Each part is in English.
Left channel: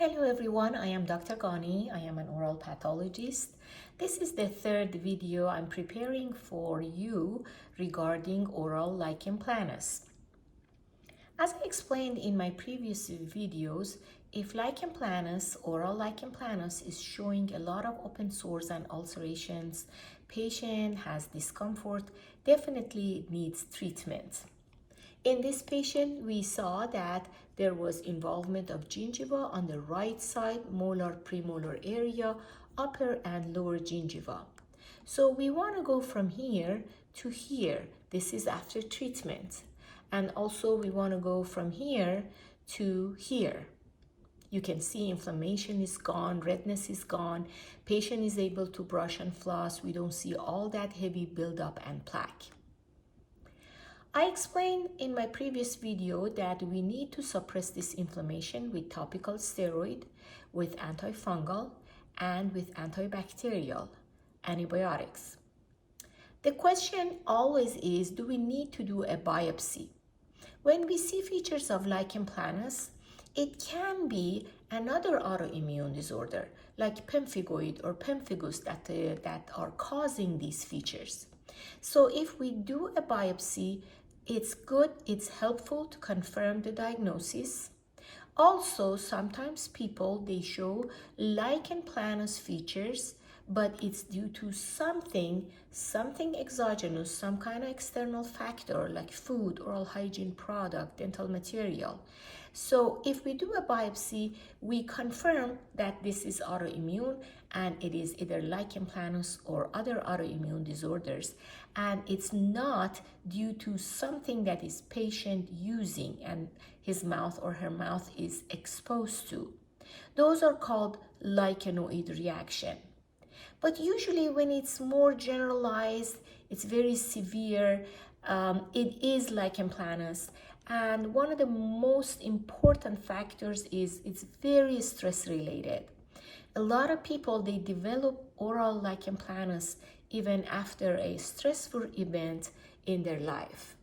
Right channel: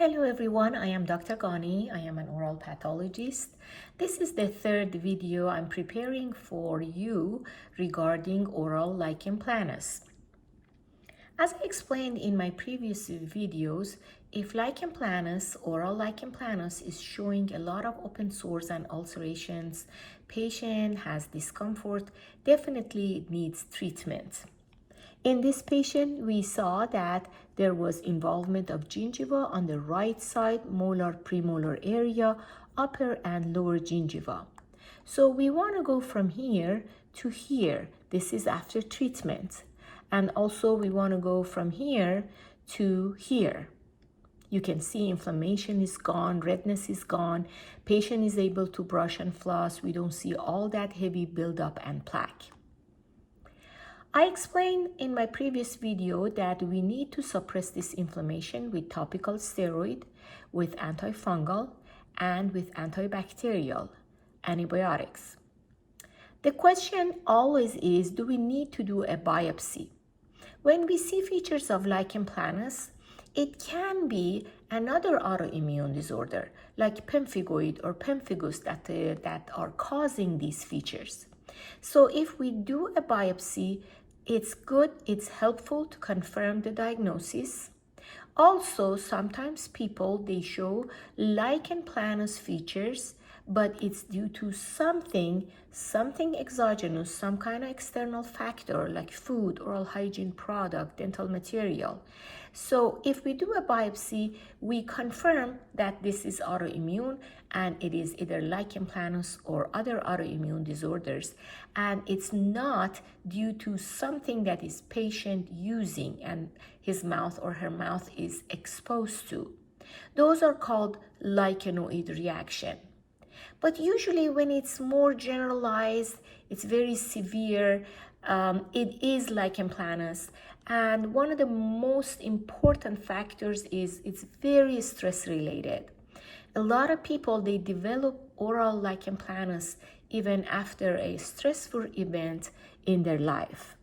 Hello everyone, I am Dr. Ghanee. I am an oral pathologist. This is the third video I'm preparing for you regarding oral lichen planus. As I explained in my previous videos, if lichen planus, oral lichen planus is showing a lot of open sores and ulcerations, patient has discomfort, definitely it needs treatment. In this patient, we saw that there was involvement of gingiva on the right side, molar, premolar area, upper and lower gingiva. So we want to go from here to here. This is after treatment. And also we want to go from here to here. You can see inflammation is gone, redness is gone, patient is able to brush and floss. We don't see all that heavy buildup and plaque. I explained in my previous video that we need to suppress this inflammation with topical steroid, with antifungal, and with antibacterial antibiotics. The question always is, do we need to do a biopsy? When we see features of lichen planus, it can be another autoimmune disorder like pemphigoid or pemphigus that are causing these features. So if we do a biopsy, it's good, it's helpful to confirm the diagnosis. Also, sometimes people, they show lichen planus features, but it's due to something exogenous, some kind of external factor like food, oral hygiene product, dental material. So if we do a biopsy, we confirm that this is autoimmune and it is either lichen planus or other autoimmune disorders, and it's not due to something that is patient using and his mouth or her mouth is exposed to. Those are called lichenoid reaction. But usually when it's more generalized, it's very severe, it is lichen planus. And one of the most important factors is it's very stress related. A lot of people, they develop oral lichen planus even after a stressful event in their life.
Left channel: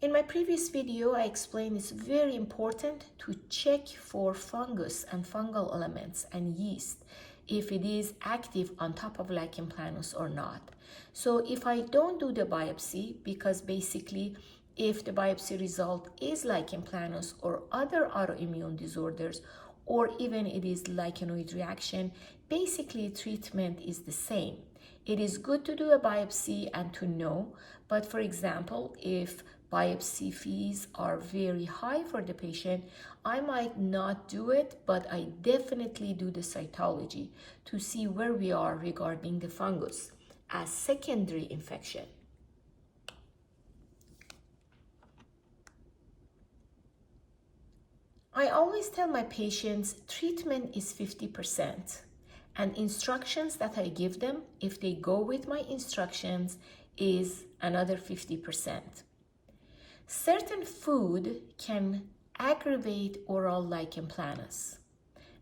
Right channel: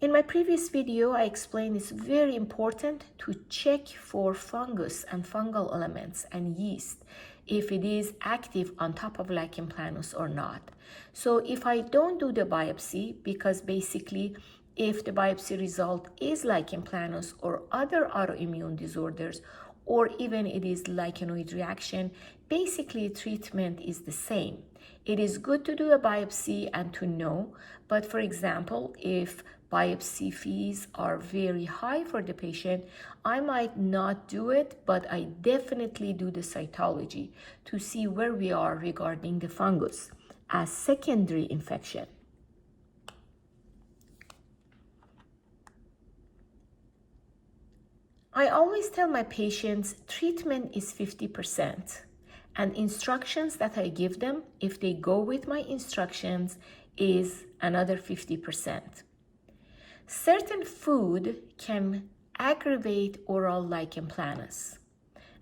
In my previous video, I explained it's very important to check for fungus and fungal elements and yeast, if it is active on top of lichen planus or not. So if I don't do the biopsy, because basically if the biopsy result is lichen planus or other autoimmune disorders, or even it is lichenoid reaction, basically treatment is the same. It is good to do a biopsy and to know, but for example, if biopsy fees are very high for the patient, I might not do it, but I definitely do the cytology to see where we are regarding the fungus as secondary infection. I always tell my patients treatment is 50%, and instructions that I give them, if they go with my instructions, is another 50%. Certain food can aggravate oral lichen planus,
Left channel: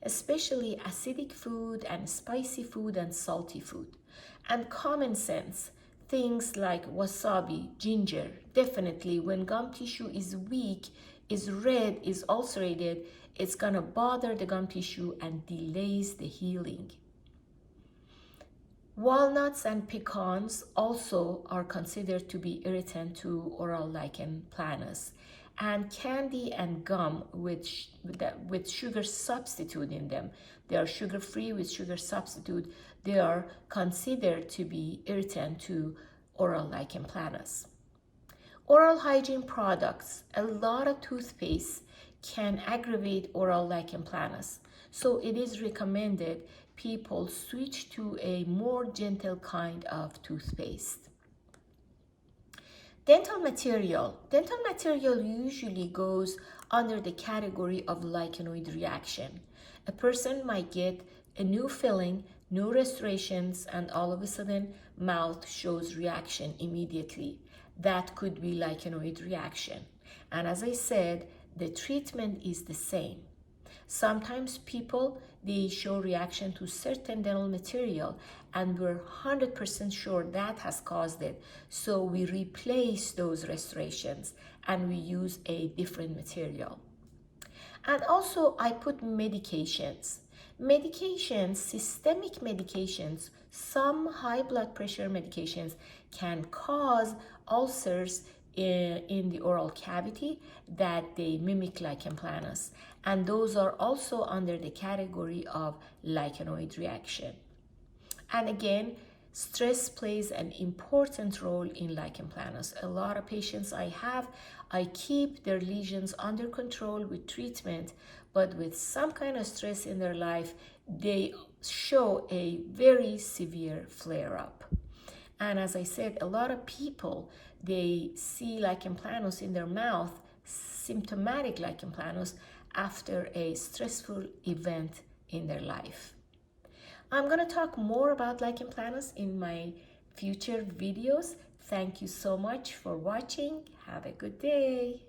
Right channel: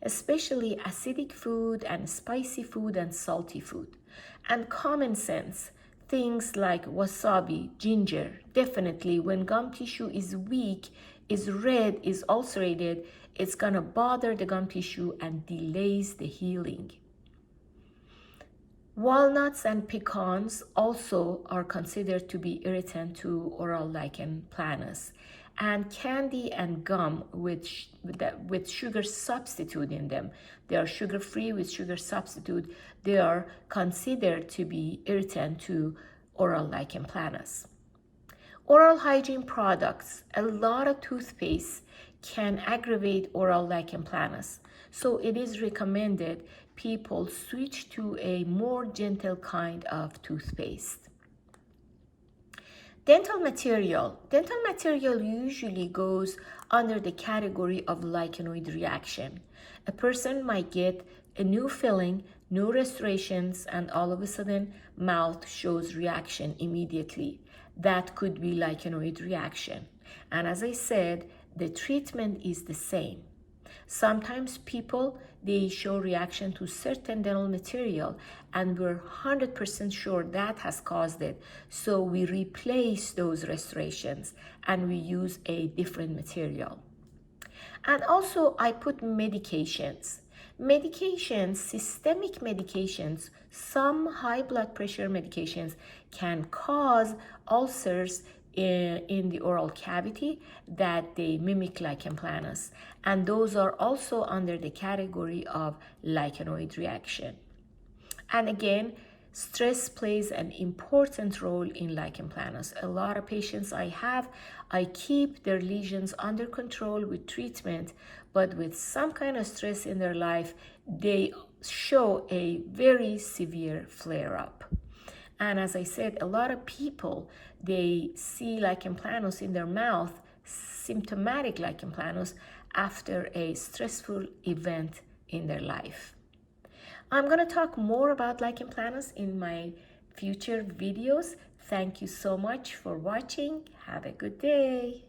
especially acidic food and spicy food and salty food. And common sense, things like wasabi, ginger, definitely when gum tissue is weak, is red, is ulcerated, it's gonna bother the gum tissue and delays the healing. Walnuts and pecans also are considered to be irritant to oral lichen planus. And candy and gum with sugar substitute in them, they are sugar-free with sugar substitute, they are considered to be irritant to oral lichen planus. Oral hygiene products, a lot of toothpaste can aggravate oral lichen planus. So it is recommended people switch to a more gentle kind of toothpaste. Dental material usually goes under the category of lichenoid reaction. A person might get a new filling, new restorations, and all of a sudden mouth shows reaction immediately. That could be lichenoid reaction. And as I said, the treatment is the same. Sometimes people, they show reaction to certain dental material and we're 100% sure that has caused it. So we replace those restorations and we use a different material. And also I put medications. Medications, systemic medications, some high blood pressure medications can cause ulcers in the oral cavity that they mimic lichen planus. And those are also under the category of lichenoid reaction. And again, stress plays an important role in lichen planus. A lot of patients I keep their lesions under control with treatment, but with some kind of stress in their life, they show a very severe flare-up. And as I said, a lot of people, they see lichen planus in their mouth, symptomatic lichen planus, after a stressful event in their life. I'm going to talk more about lichen planus in my future videos. Thank you so much for watching. Have a good day.